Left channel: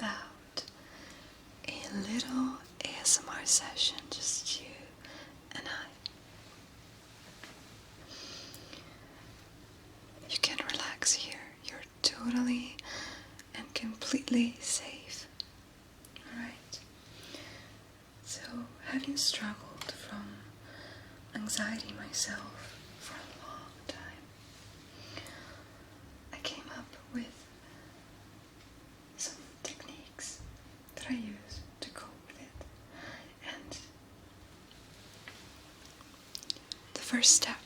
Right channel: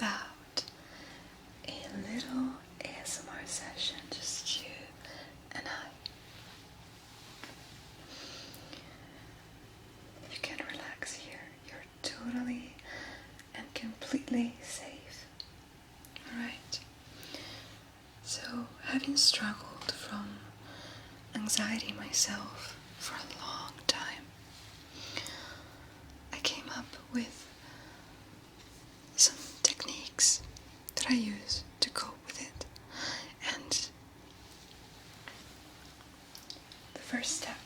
about a little ASMR session, just you and I. You can relax here. You're totally and completely safe. Alright? So, having struggled from anxiety myself for a long time, I came up with some techniques that I use to cope with it. And the first step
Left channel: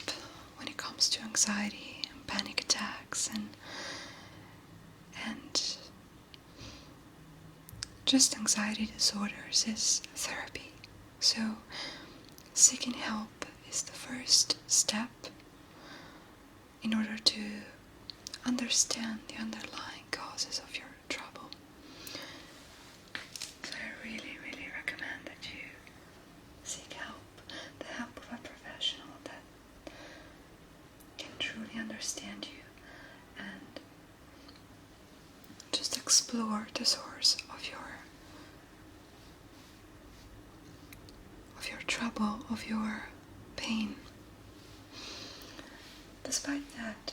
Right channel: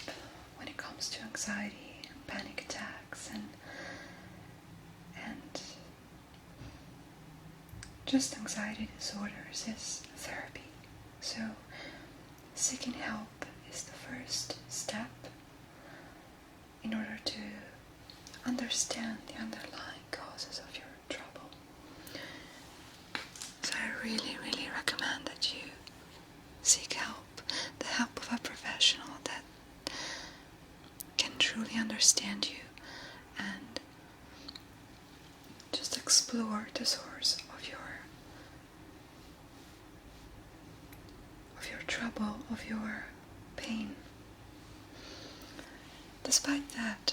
when it comes to anxiety and panic attacks and just anxiety disorders is therapy. So seeking help is the first step in order to understand the underlying causes of your trouble. So I really, really recommend that you seek help, the help of a professional that can truly understand you and just explore the source of your trouble, of your pain. Despite that,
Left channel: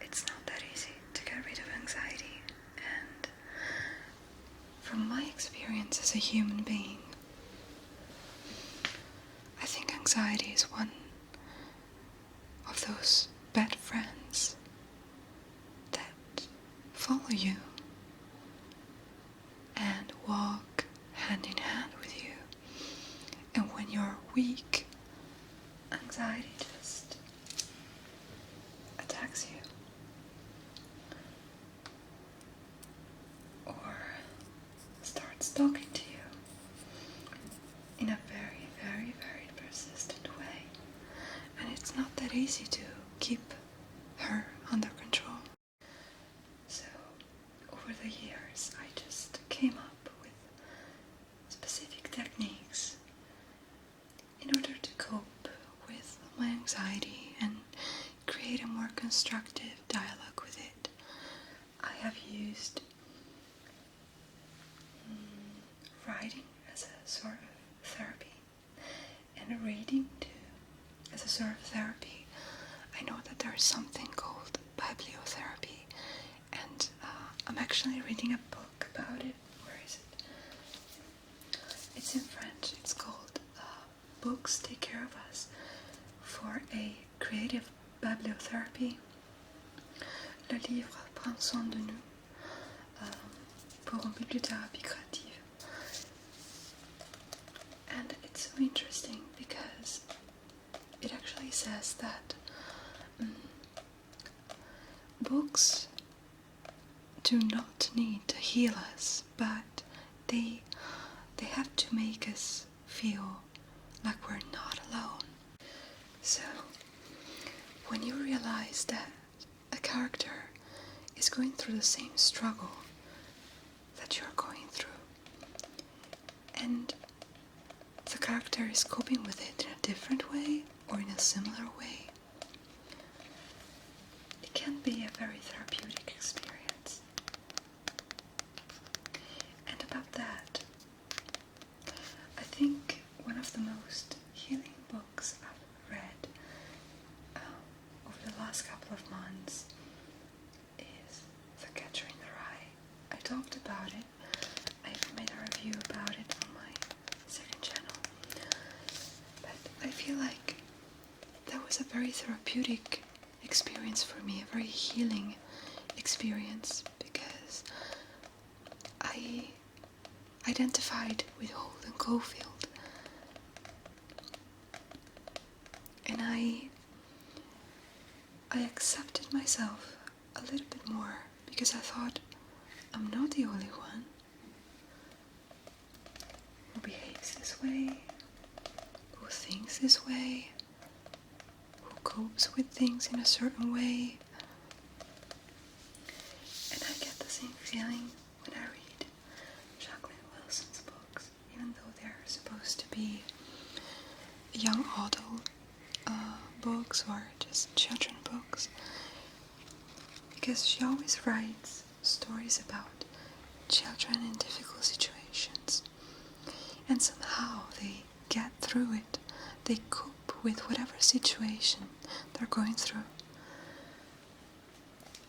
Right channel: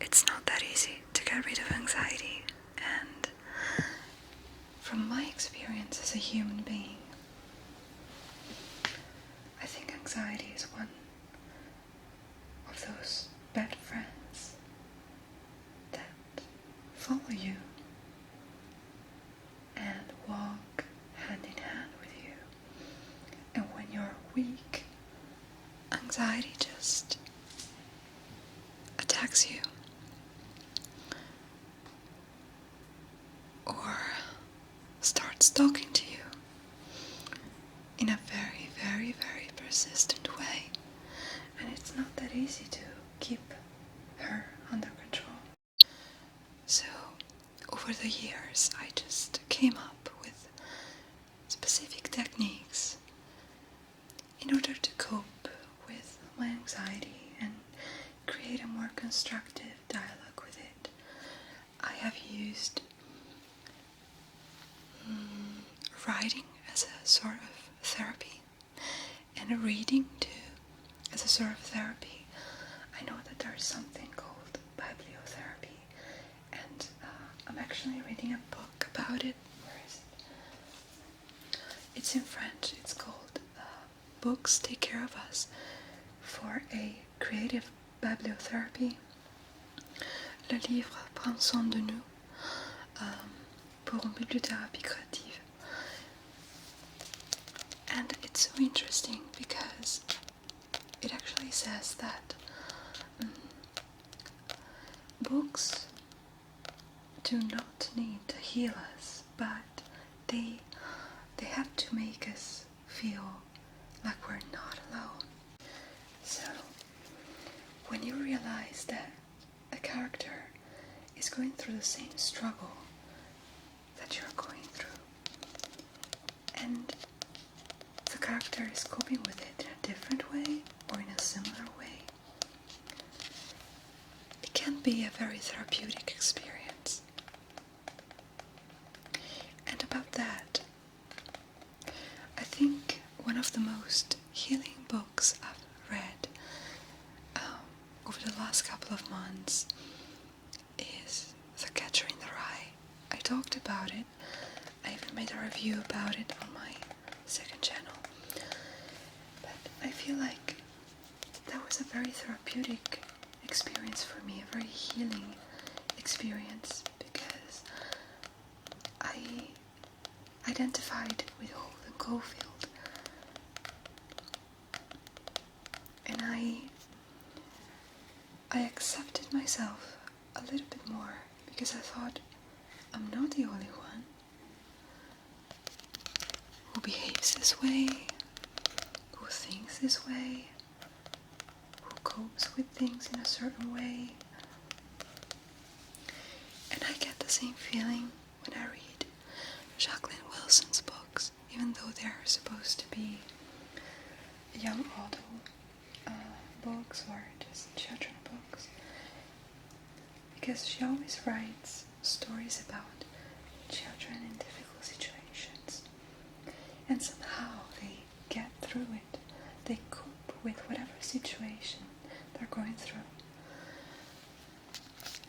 it's not that easy to get rid of anxiety, and from my experience as a human being, I think anxiety is one of those bad friends that follow you and walk hand in hand with you. And when you're weak, anxiety just attacks you. Or starts talking to you in a very, very, very persistent way. And it's not that easy to keep her under control. So, over the years, I just came up with specific techniques in order to cope with my anxiety and create a more constructive dialogue with it. I have used writing as a sort of therapy and reading too as a sort of therapy. I know that there's something called bibliotherapy, and I'm actually reading a book about it. Where is it? It's in French. It's called Books Take Care of Us, for a creative bibliotherapy. Le livre prend soin de nous, pour une bibliothérapie créative. And it's so interesting because it actually says that books do not need to heal us, but they have to make us feel like we're not alone. So when you realize that a character is going through the same struggle that you're going through, and the character is coping with it in a different way or in a similar way, it can be a very therapeutic experience. And about that, I think one of the most healing books I've read over the last couple of months is The Catcher in the Rye. I talked about it. I even made a review about it on my second channel. But I feel like that was a very therapeutic experience for me, a very healing experience, because I identified with Holden Caulfield. And I accepted myself a little bit more, because I thought, I'm not the only one who behaves this way, who thinks this way, who copes with things in a certain way. And I get the same feeling when I read Jacqueline Wilson's books, even though they're supposed to be young adult books or just children books, because she always writes stories about children in difficult situations, and somehow they get through it. They cope with whatever situation they're going through.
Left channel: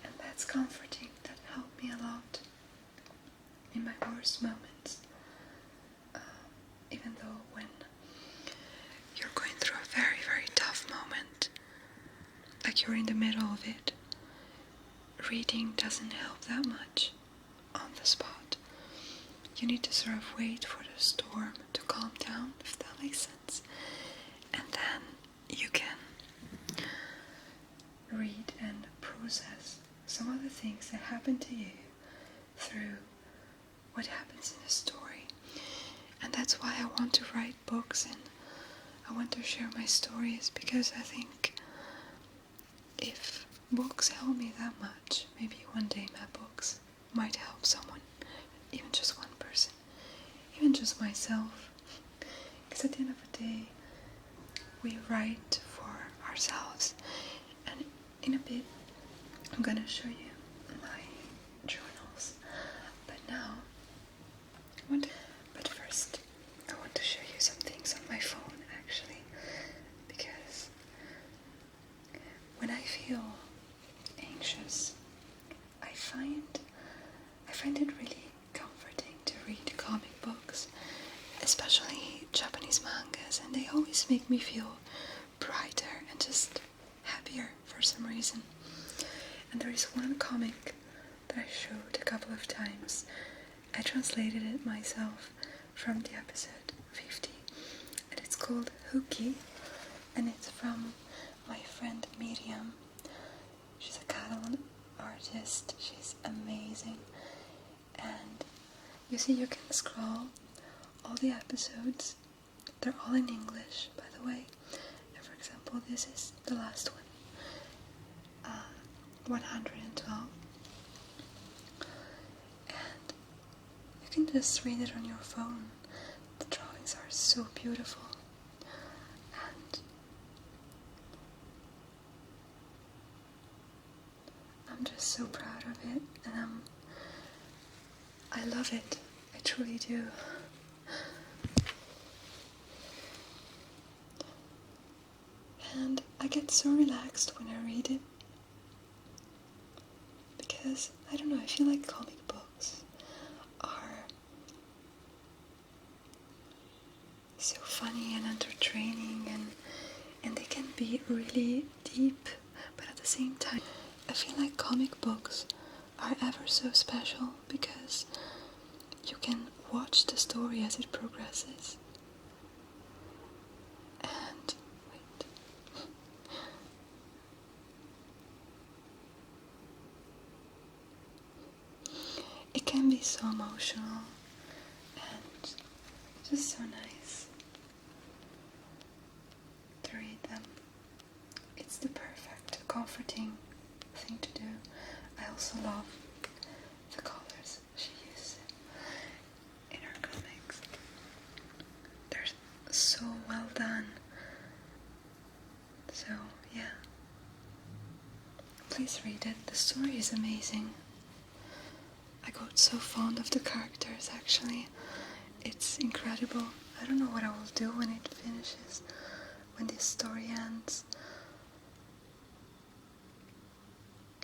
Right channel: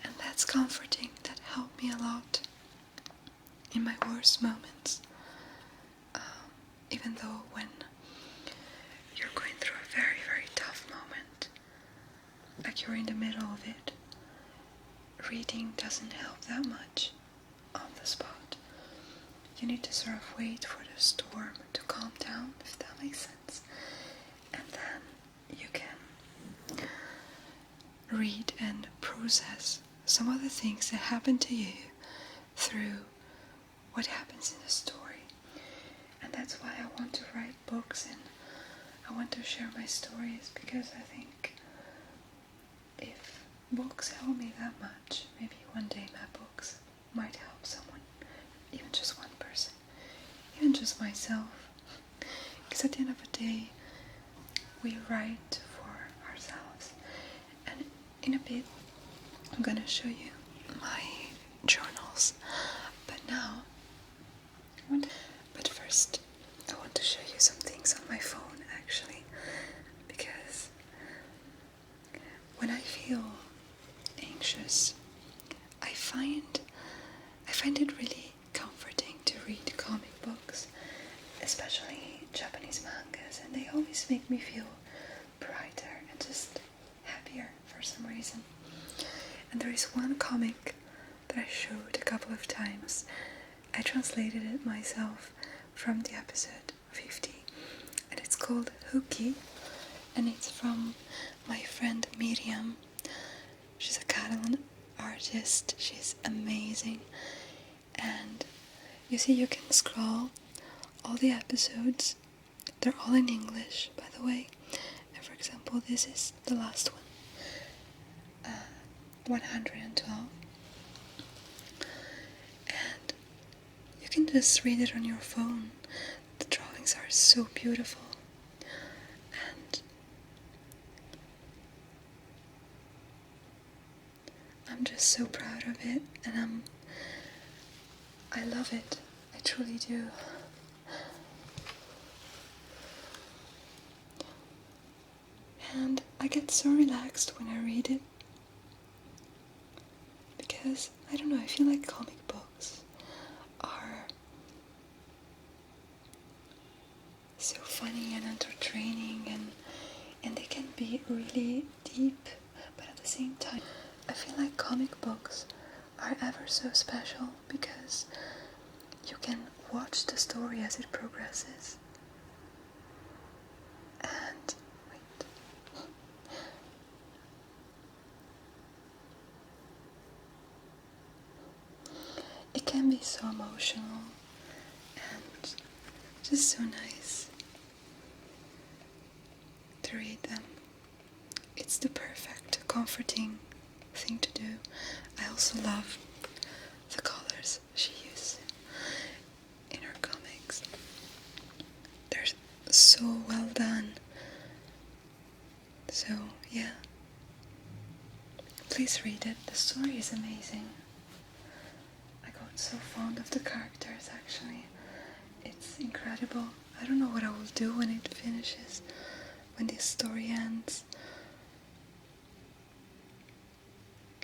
And that's comforting. That helped me a lot in my worst moments. Even though when you're going through a very, very tough moment, like you're in the middle of it, reading doesn't help that much on the spot. You need to sort of wait for the storm to calm down, if that makes sense. And then you can read and process some of the things that happen to you through what happens in the story. And that's why I want to write books and I want to share my stories, because I think if books help me that much, maybe one day my books might help someone, even just one person, even just myself. Because at the end of the day, we write for ourselves. And in a bit, I'm gonna show you my journals. But now, but first, I want to show you some things on my phone, actually, because when I feel anxious, I find it really comforting to read comic books, especially Japanese mangas, and they always make me feel brighter and just happier for some reason. And there is one comic that I showed a couple of times. I translated it myself from the episode 50, and it's called Kiki, and it's from my friend Miriam. She's a Catalan artist. She's amazing. And you see, you can scroll all the episodes. They're all in English, by the way. And for example, this is the last one, 112. And you can just read it on your phone. The drawings are so beautiful. And I'm just so proud of it, and I love it. I truly do. And I get so relaxed when I read it, because I don't know, I feel like comic books are so funny and entertaining, and they can be really deep, but at the same time I feel like comic books are ever so special because you can watch the story as it progresses. And wait. It can be so emotional and just so nice to read them. It's the perfect, comforting thing to do. I also love the colors she uses in her comics. They're so well done. So yeah, please read it. The story is amazing. I got so fond of the characters, actually. It's incredible. I don't know what I will do when it finishes, when this story ends.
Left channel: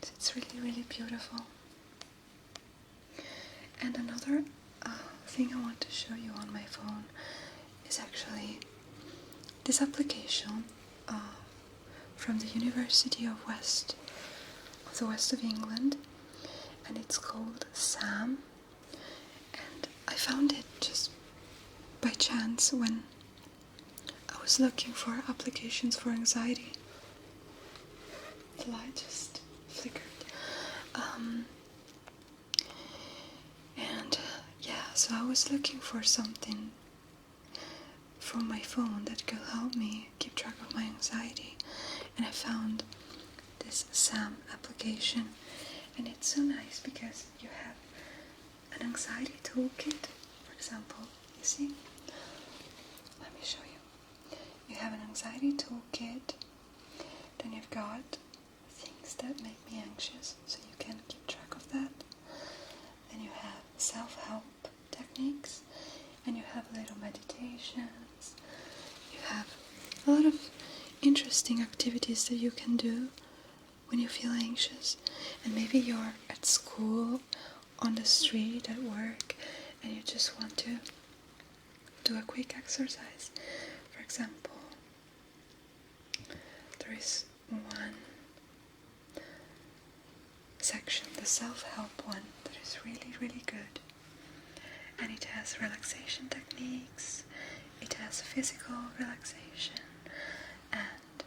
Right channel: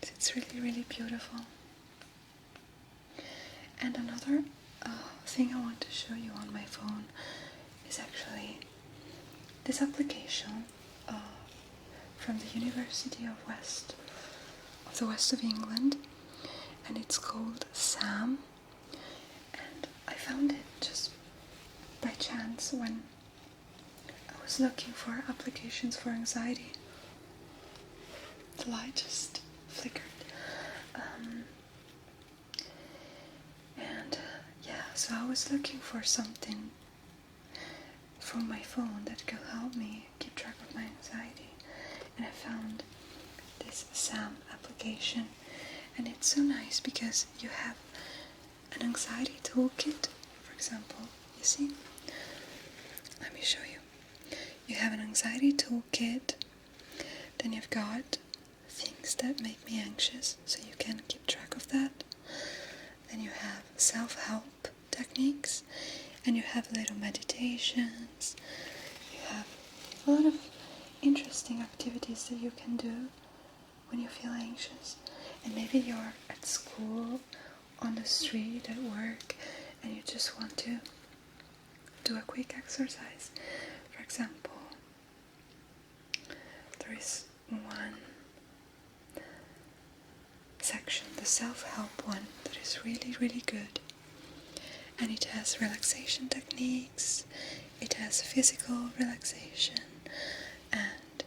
It's really, really beautiful. And another thing I want to show you on my phone is actually this application from the University of the West of England, and it's called Sam. And I found it just by chance when I was looking for applications for anxiety. The light just flickered. So I was looking for something from my phone that could help me keep track of my anxiety, and I found this Sam application, and it's so nice because you have an anxiety toolkit. For example, you see, let me show you. You have an anxiety toolkit, then you've got things that make me anxious, so you can keep track of that. then you have self-help techniques, and you have little meditations. You have a lot of interesting activities that you can do when you feel anxious. And maybe you're at school, on the street, at work, and you just want to do a quick exercise. For example, there is one section, the self-help one, that is really, really good. And it has relaxation techniques, it has physical relaxation, and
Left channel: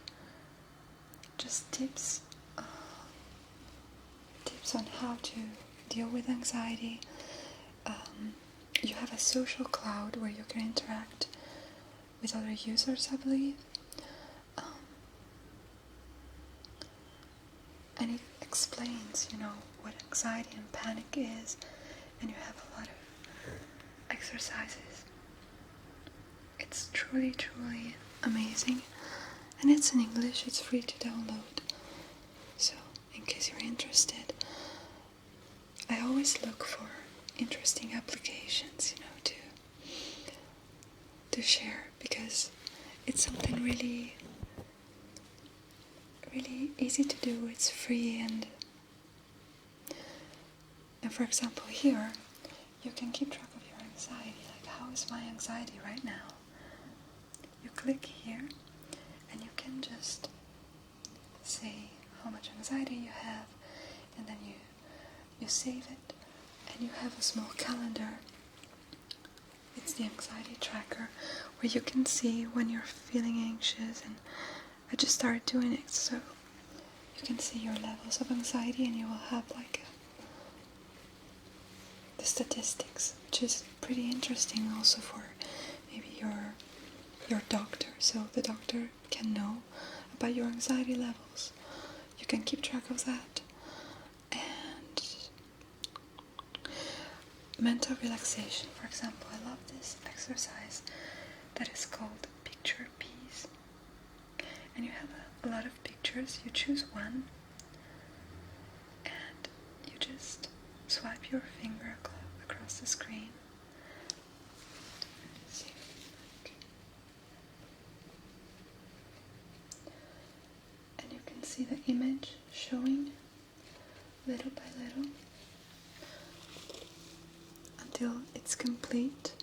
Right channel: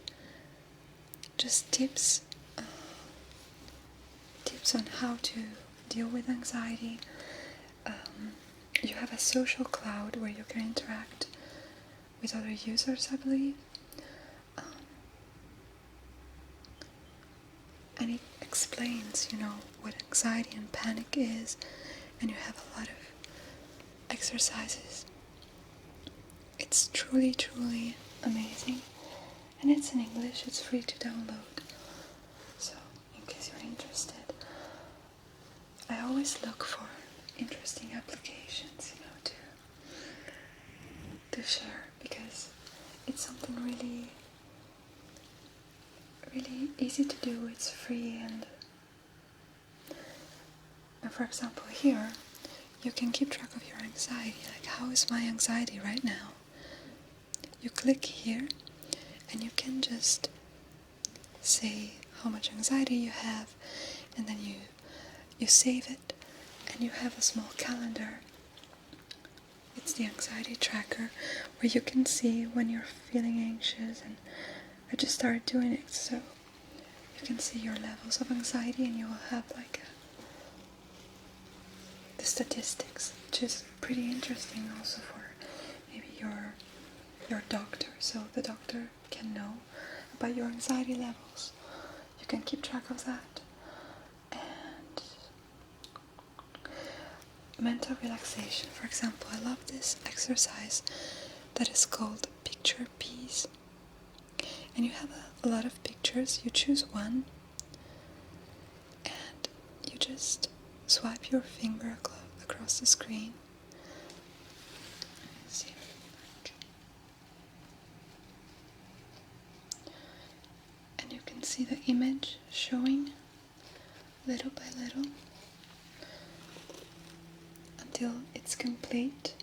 just tips on how to deal with anxiety. You have a social cloud where you can interact with other users, I believe. And it explains, what anxiety and panic is, and you have a lot of exercises. It's truly, truly amazing, and it's in English. It's free to download, so in case you're interested. I always look for interesting applications, to share, because it's something really, really easy to do. It's free, and for example, here you can keep track of your anxiety. Like, how is my anxiety right now? You click here, and you can just say how much anxiety you have, and then you save it, and you have a small calendar. It's the anxiety tracker, where you can see when you're feeling anxious, and I just started doing it, so you can see your levels of anxiety, and you will have the statistics, which is pretty interesting also for maybe your doctor, so the doctor can know about your anxiety levels. You can keep track of that. And mental relaxation, for example, I love this exercise that is called picture peace. And you have a lot of pictures. You choose one, and you just swipe your finger across the screen. And you can see the image showing little by little until it's complete.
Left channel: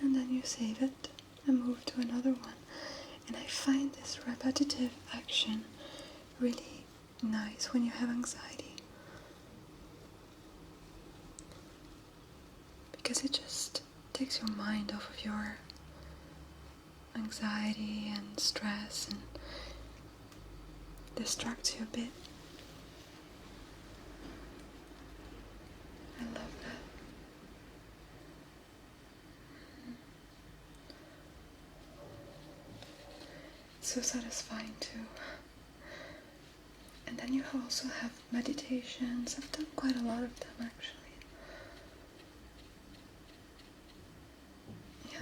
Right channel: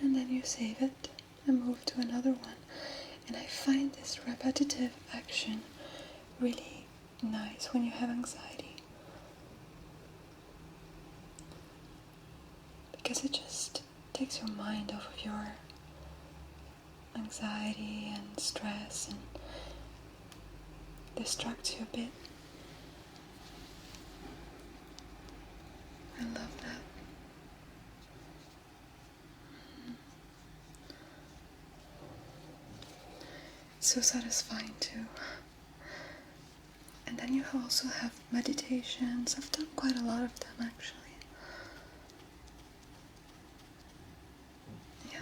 And then you save it and move to another one. And I find this repetitive action really nice when you have anxiety, because it just takes your mind off of your anxiety and stress and distracts you a bit. I love that. It's so satisfying too. And then you also have meditations. I've done quite a lot of them, actually. Yeah.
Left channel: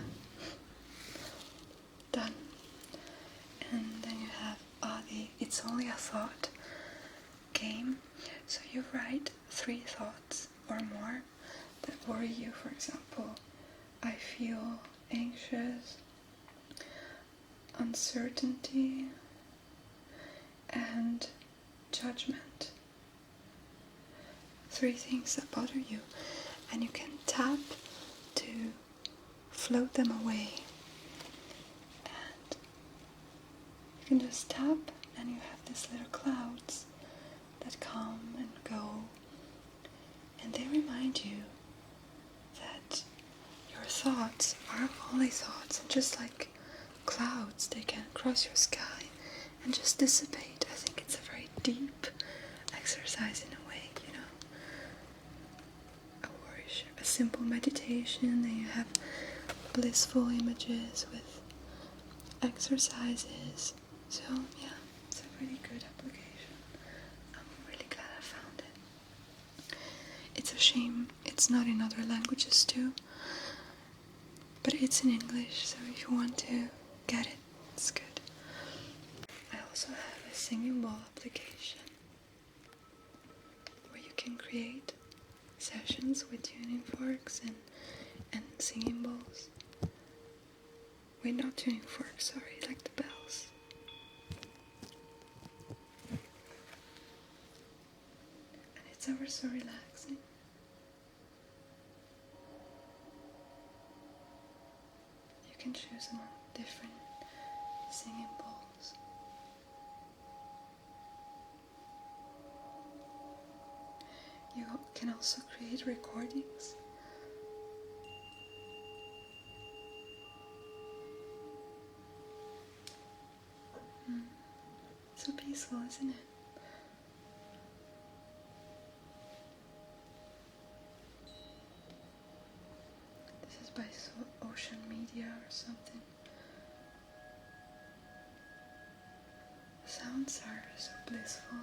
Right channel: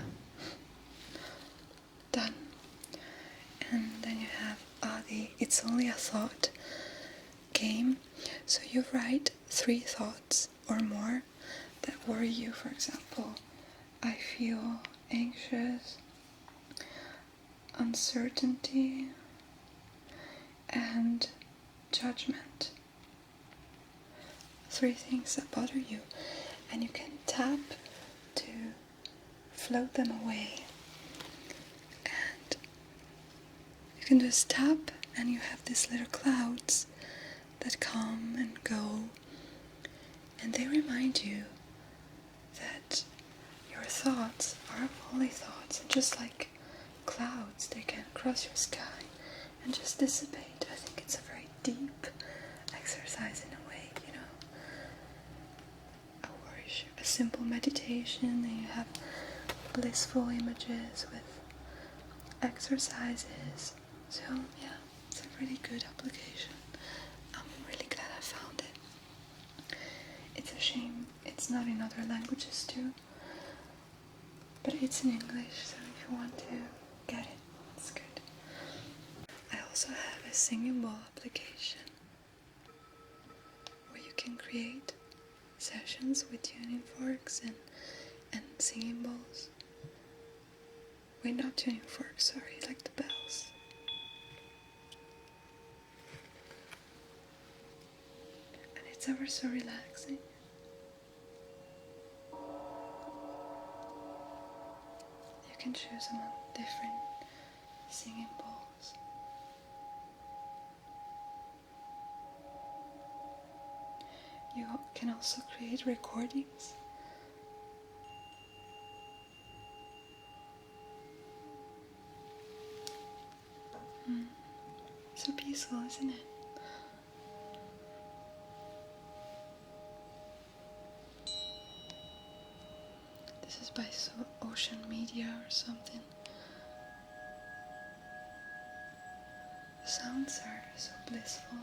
Done. And then you have the It's Only a Thought game. So you write 3 thoughts or more that worry you. For example, I feel anxious, uncertainty, and judgment. 3 things that bother you, and you can tap to float them away. And you can just tap, and you have these little clouds that come and go, and they remind you that your thoughts are only thoughts, and just like clouds, they can cross your sky and just dissipate. I think it's a very deep exercise in a way, a simple meditation, and you have blissful images with exercises. So yeah, it's a really good application. I'm really glad I found it. It's a shame it's not in other languages too, but it's in English, so if you want to get it, it's good. I also have a singing bowl application where you can create sessions with tuning forks and singing bowls. Wait, not tuning forks, sorry, like the bells. And it's ever so relaxing. You can choose among different singing bowls. You can also create recordings. So peaceful, isn't it? This is by Ocean Media or something. The sounds are so blissful.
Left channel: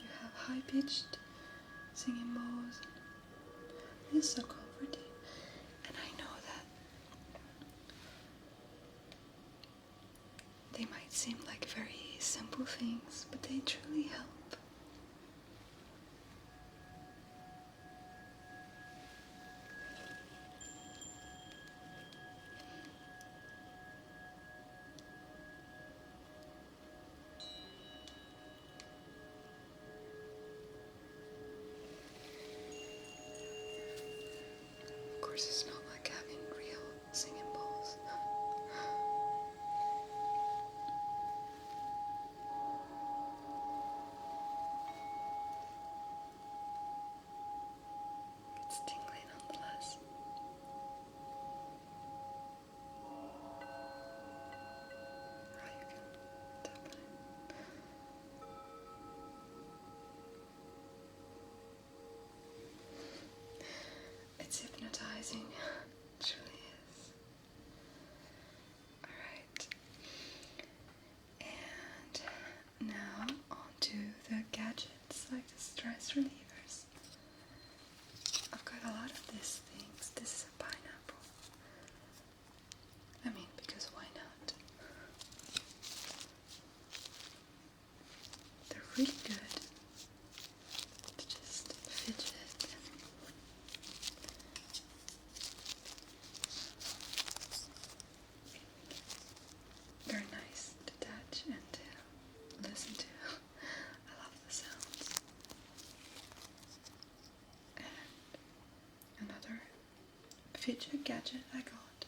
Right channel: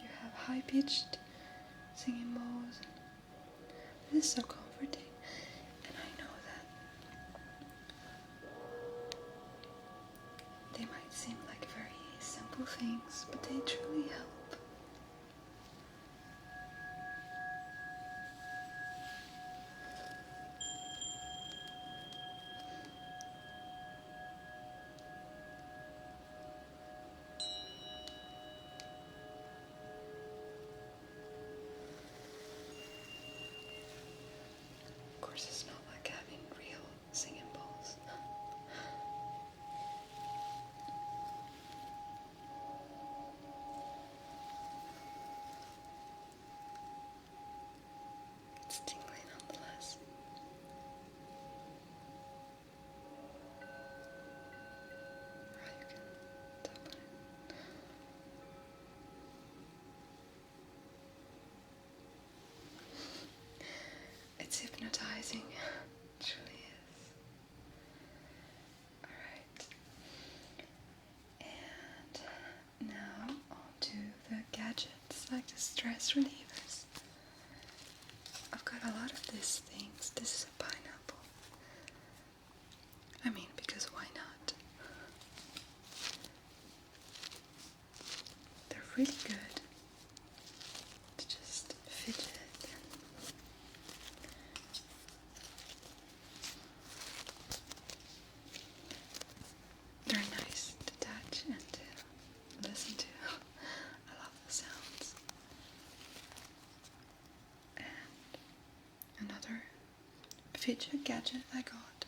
You have high-pitched singing bowls. It is so comforting. And I know that they might seem like very simple things, but they truly help. Of course, it's not like having real singing bowls. It's tingling nonetheless. Oh, you can tap on it. It's hypnotizing. It truly is. Alright. And now on to the gadgets, like the stress relievers. I've got a lot of these things. This is a pineapple. I mean, because why not? They're really good to just fidget and they're nice to touch and to listen to. I love the sounds. And another fidget gadget I got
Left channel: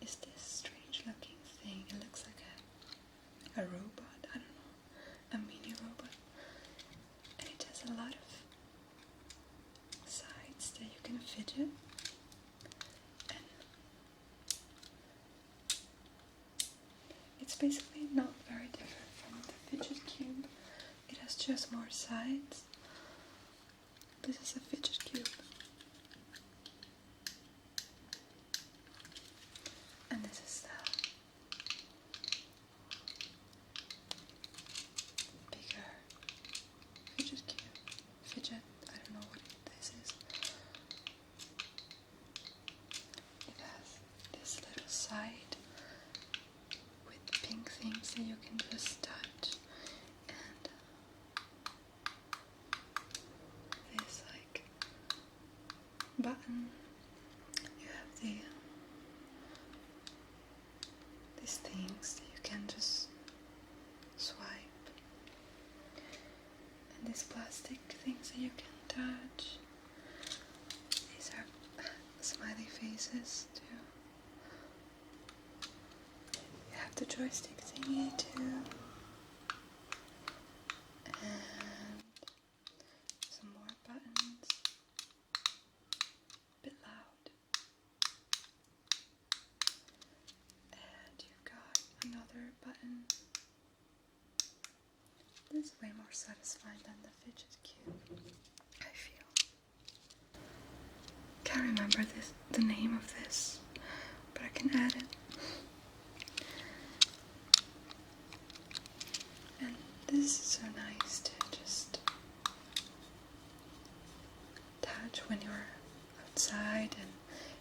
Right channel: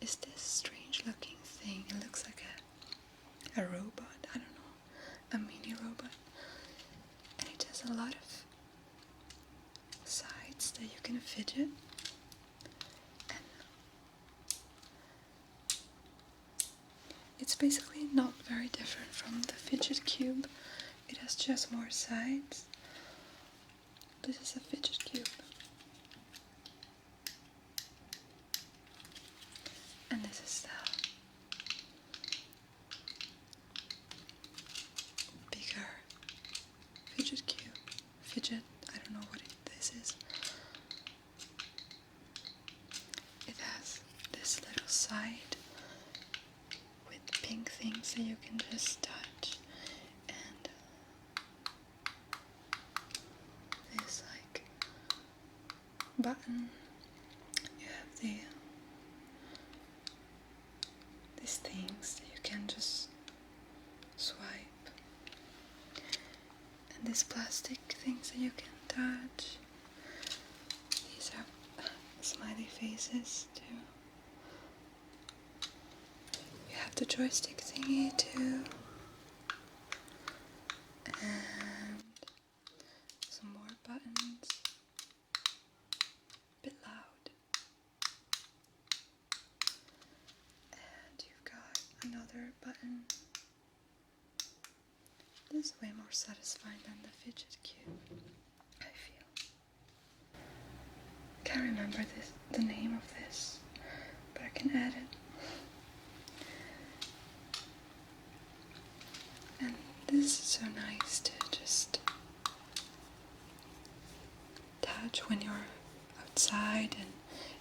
is this strange looking thing. It looks like a robot, I don't know, a mini robot. And it has a lot of sides that you can fidget. And it's basically not very different from the fidget cube. It has just more sides. This is a fidget cube. And this is the bigger fidget cube. Fidget, I don't know what this is. It has this little side with pink things that you can just touch. And this like button. You have these things that you can just swipe. And these plastic things that you can touch. These are smiley faces too. You have the joystick thingy too. And some more buttons. A bit loud. And you've got another button. This is way more satisfying than the fidget cube, I feel. Can't remember the name of this, but I can add it. And this is so nice to just touch when you're outside and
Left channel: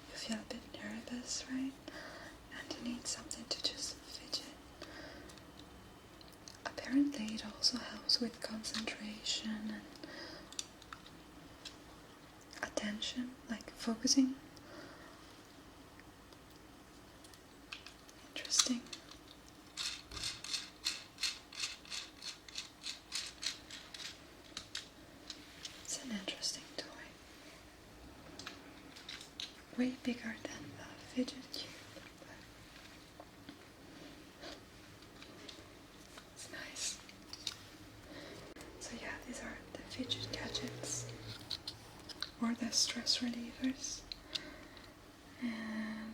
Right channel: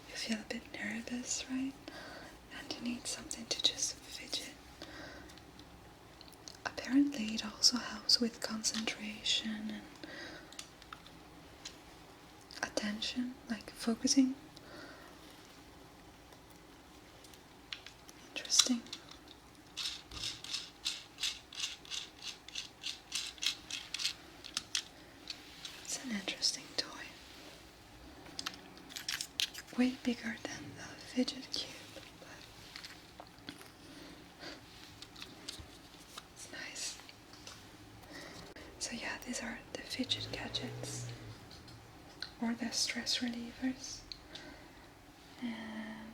you feel a bit nervous, right? And you need something to just fidget a apparently it also helps with concentration and attention, like focusing. Interesting. It's an interesting toy. Way bigger than the fidget cube, but it's nice. So yeah, these are the fidget gadgets, or the stress relievers. And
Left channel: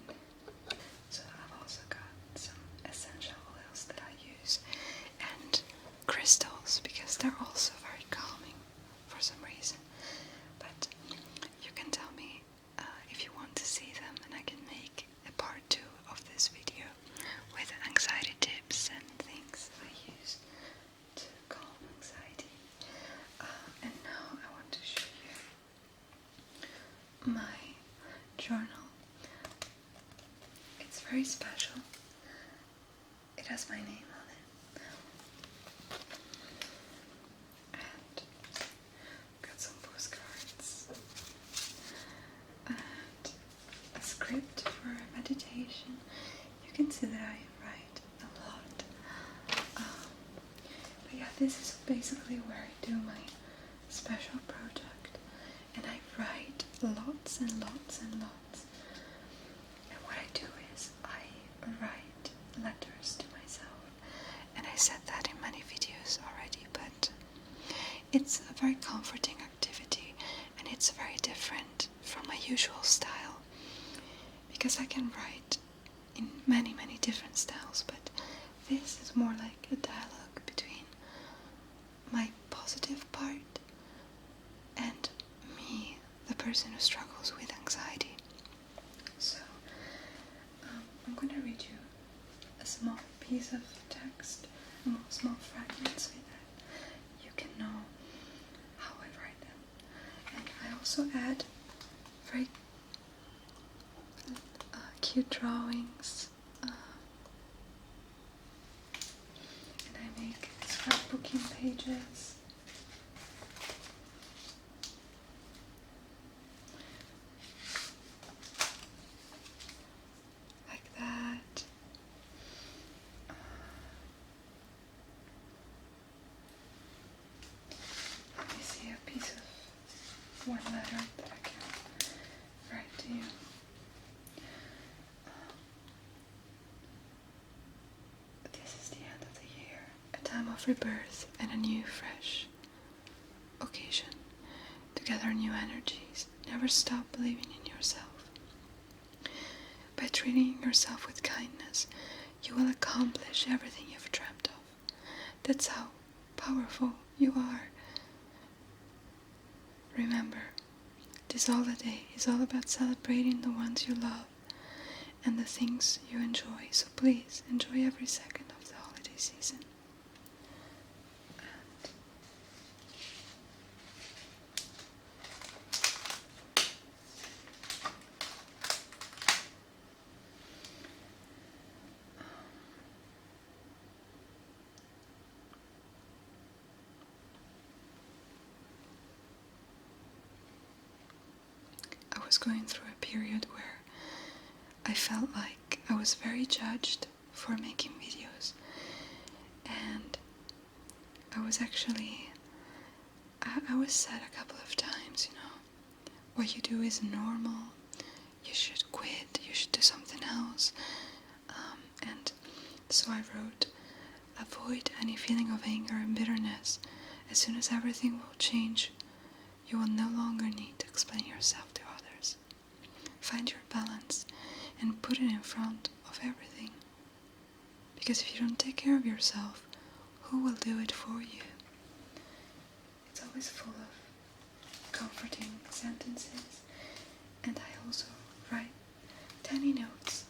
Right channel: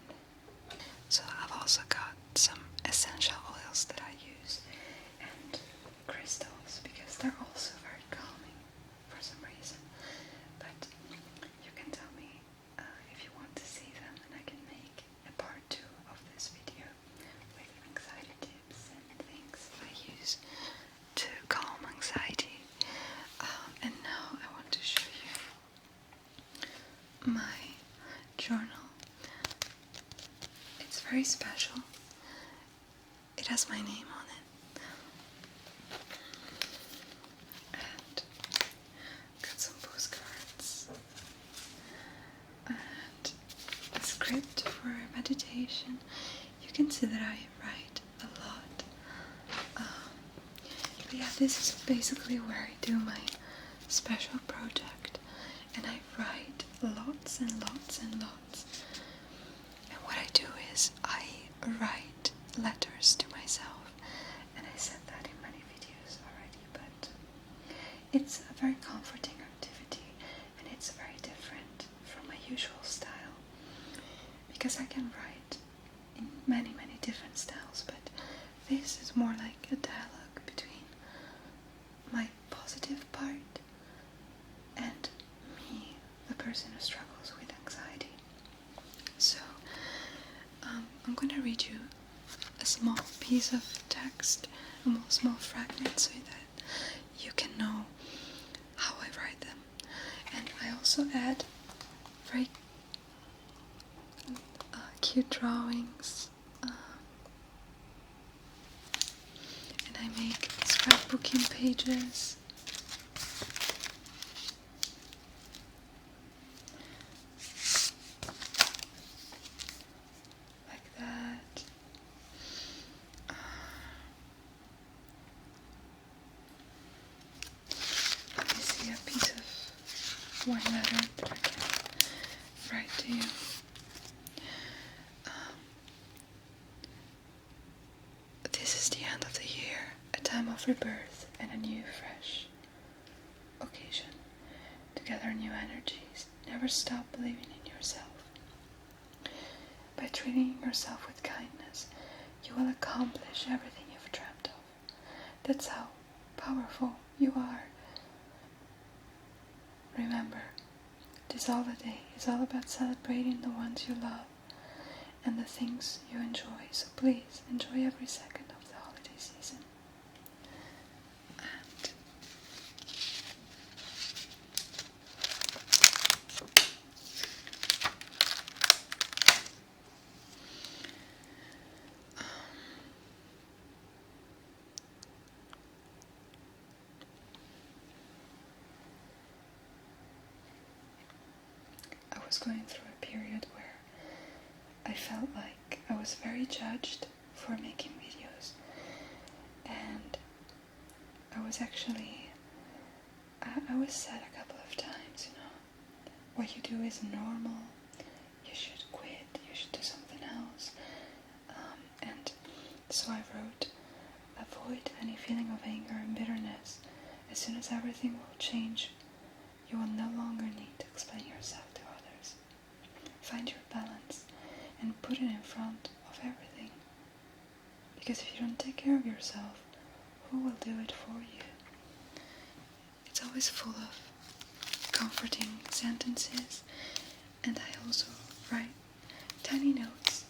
so I've also got some essential oils that I use, and crystals, because they're also very calming for some reason. But you can tell me if you want to see them, and I can make a part 2 of this video with anxiety tips and things I use to calm anxiety. And now I want to show you my journal. It's very special. It has my name on it. And got some postcards. And a script for meditation. You can see that I write a lot. But yeah, this is basically where I do my special project. And I write lots and lots and lots. And what I do is I write letters to myself, and I said that in many videos already, but it's a very comforting activity, and it's very different from my usual style, because I can write in many different styles, but this is more like a dialogue between my positive part and me, the person who struggles with anxiety. So I'm going to read you a small piece of text, a small fragment, so that you can know how I write them. And I also add very cute drawings, and I make scrapbooking pages. Like that. Let me see a piece of one letter that I can write to you. This is the end of the year, a time of rebirth and a new, fresh occasion to gather new energies. Never stop believing in yourself. By treating yourself with kindness, you will accomplish everything you've dreamt of. That's how powerful you are. Remember, this holiday is all about celebrating the ones you love and the things you enjoy, so please enjoy every second of the holiday season. I was going through a period where I felt like I was very judged for making videos, and I was actually, I was said a couple of times, what you do is normal, you should quit, you should do something else, and so I wrote, avoid any feeling of anger and bitterness. As soon as everything will change, you will no longer need to explain yourself to others. Find your balance and put it in front of everything. Because if you don't take care of yourself, who will do it for you? It's always full of comforting sentences, and I also write tiny notes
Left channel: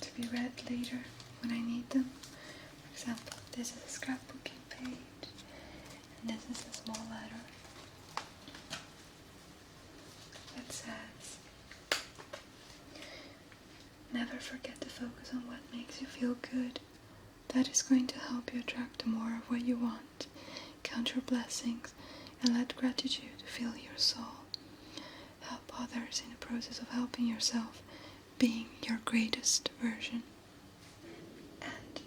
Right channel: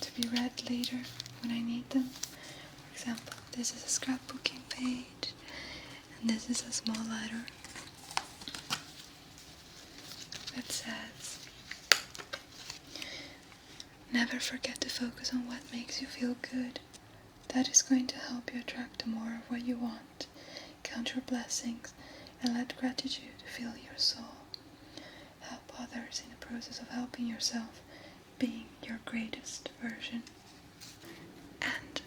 to be read later when I need them. For example, this is a scrapbooking page, and this is a small letter that says, never forget to focus on what makes you feel good. That is going to help you attract more of what you want. Count your blessings and let gratitude fill your soul. Help others in the process of helping yourself, being your greatest version. And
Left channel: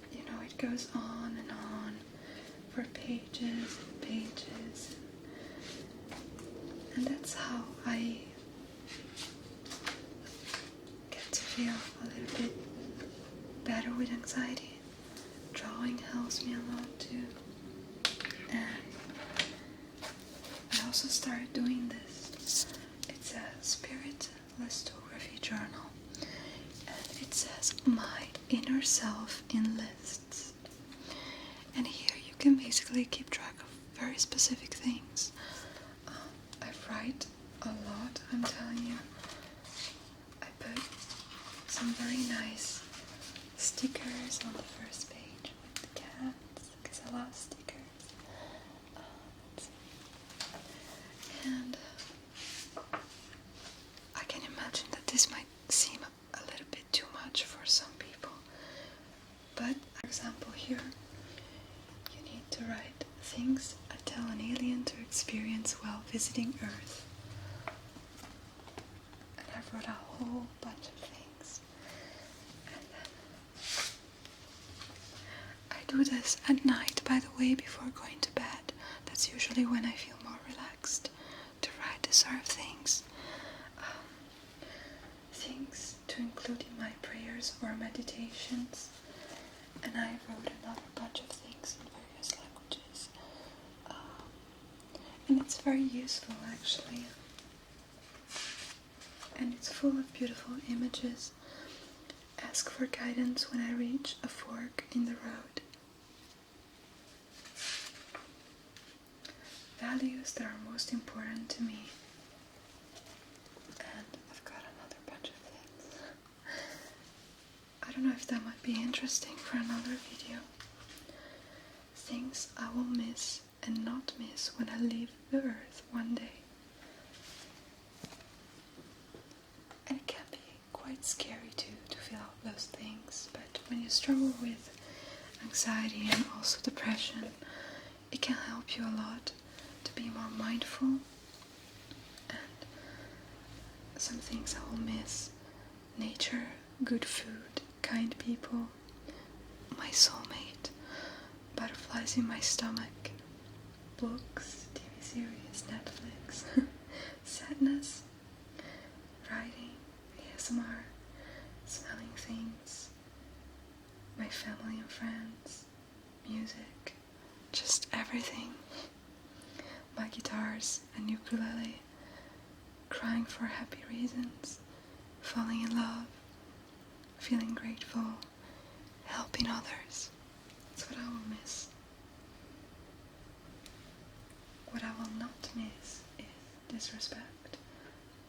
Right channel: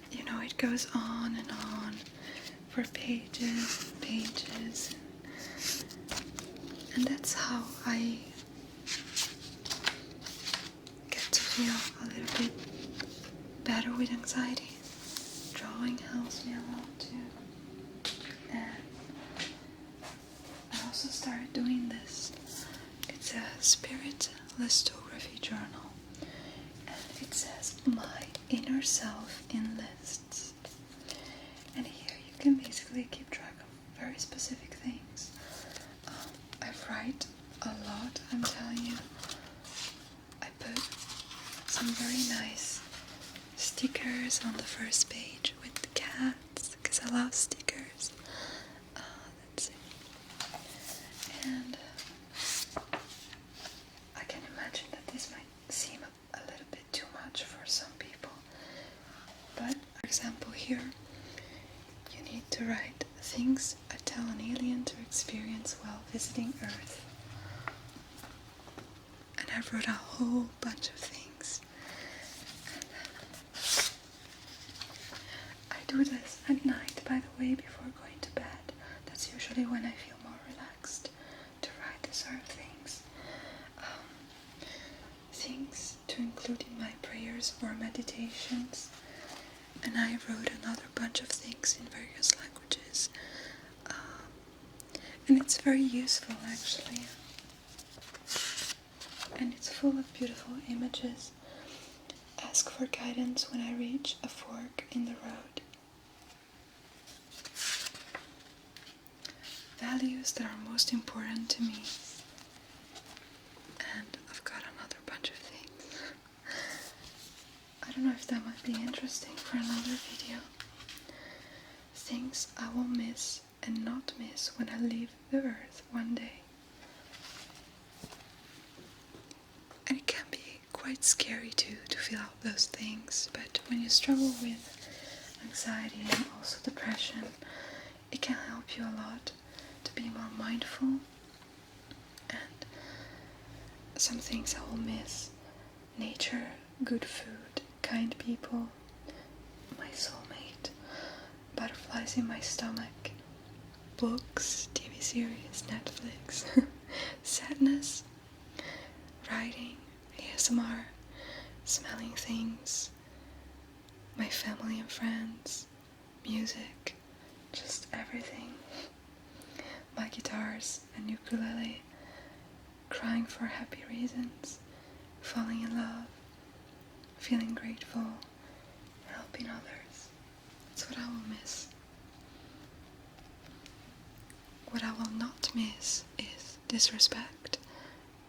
it goes on and on for pages and pages. And that's how I get to feel a little bit better with anxiety. Drawing helps me a lot too. And I also started doing this. It's a spirit listography journal. And it says, my inner self in lists. And here you can basically keep track of very specific things. I write a lot, I'm telling you. I put some very nice stickers on the first page with the cats, because I love stickers. Let's see. And I can imagine that this might seem a little bit too much for some people. But, for example, here, you need to write things I tell an alien to experience while visiting Earth. And I wrote a whole bunch of things. I do this at night, by the way, before going to bed. That's usually when I feel more relaxed, to write these sort of things. Things to include in my prayers or meditations. And I wrote another bunch of things in various languages. And it's very useful, actually. And it's full of beautiful images. Ask for guidance when I reach a fork in the road. Values that are most important to me. And I've got another bunch of things. I don't know if that might be interesting for another video. Things I will miss and not miss when I leave the earth one day. And it can be quite scary too, to fill out those things, but when you struggle with anxiety and also depression, it can help you a lot to be more mindful. And some things I will miss: nature, good food, kind people, my soulmate, butterflies in my stomach, books, TV series, Netflix, sadness, writing, ASMR, smelling things, my family and friends, music, just everything. My guitars and ukulele, crying for happy reasons, falling in love, feeling grateful, helping others. That's what I will miss. What I will not miss is disrespect,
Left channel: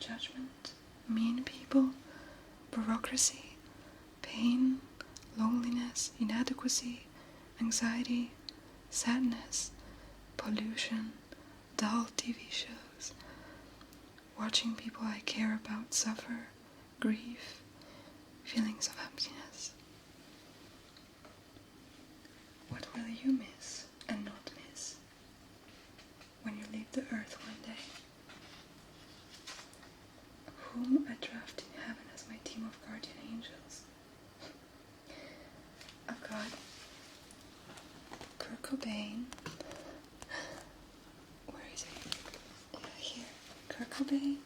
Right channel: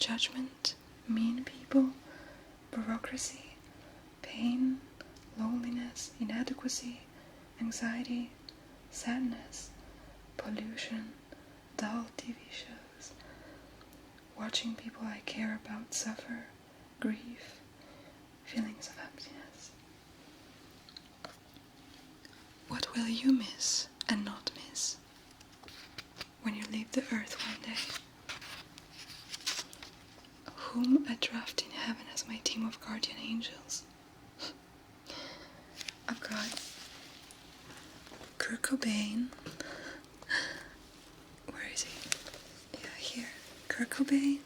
judgment, mean people, bureaucracy, pain, loneliness, inadequacy, anxiety, sadness, pollution, dull TV shows, watching people I care about suffer, grief, feelings of emptiness. What will you miss and not miss when you leave the earth one day? Whom I draft in heaven as my team of guardian angels? I've got Kurt Cobain. Where is he? Yeah, here. Kurt Cobain,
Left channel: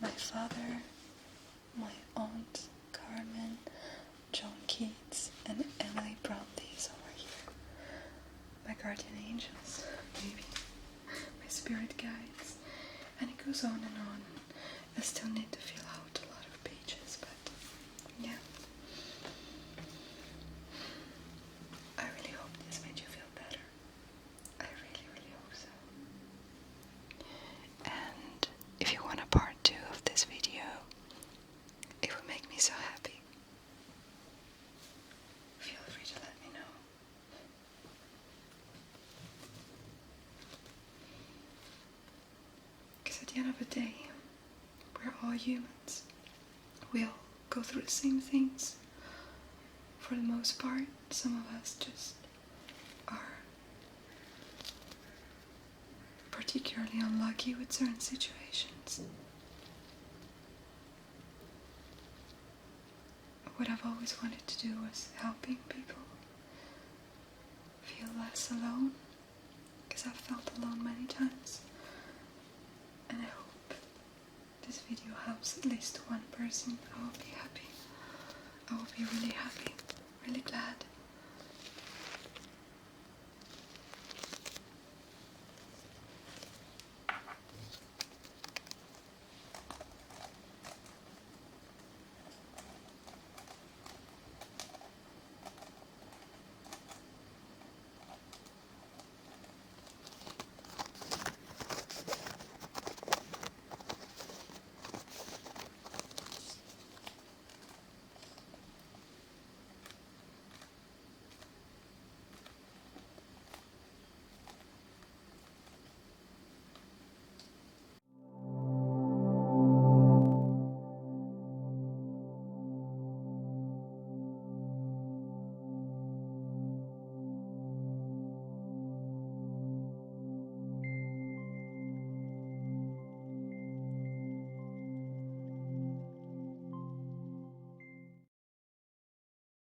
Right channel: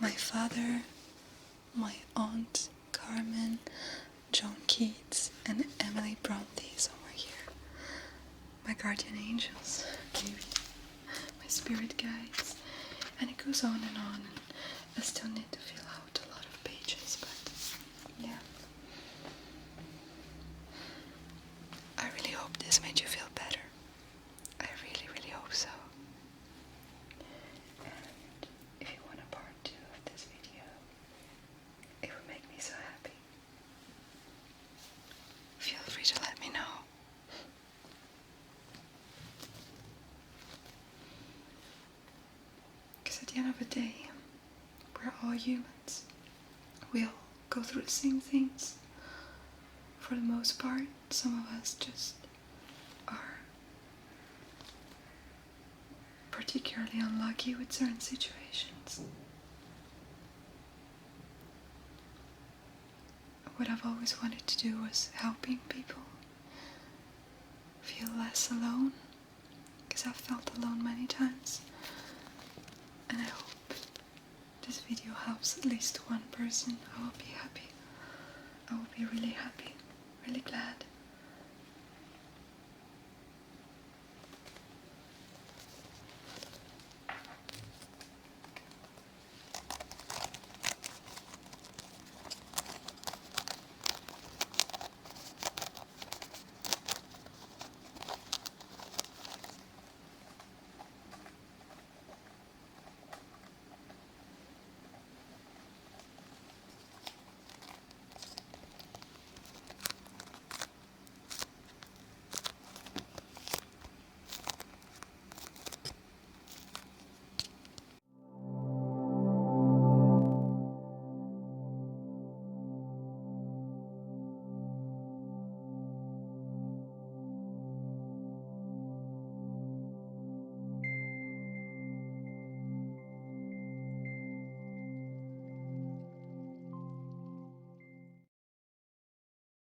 my father, my aunt Carmen, John Keats, and Emily Bronte is over here. My guardian angels, maybe. My spirit guides. And it goes on and on. And I still need to fill out a lot of pages, but yeah. I really hope this made you feel better. I really, really hope so. And if you want a part 2 of this video, it would make me so happy. Feel free to let me know. Because at the end of the day, we're all humans. We all go through the same things. for the most part, some of us just are particularly unlucky with certain situations. What I've always wanted to do was helping people feel less alone, because I've felt alone many times, and I hope this video helps at least one person. I will be happy. I will be really happy, really glad.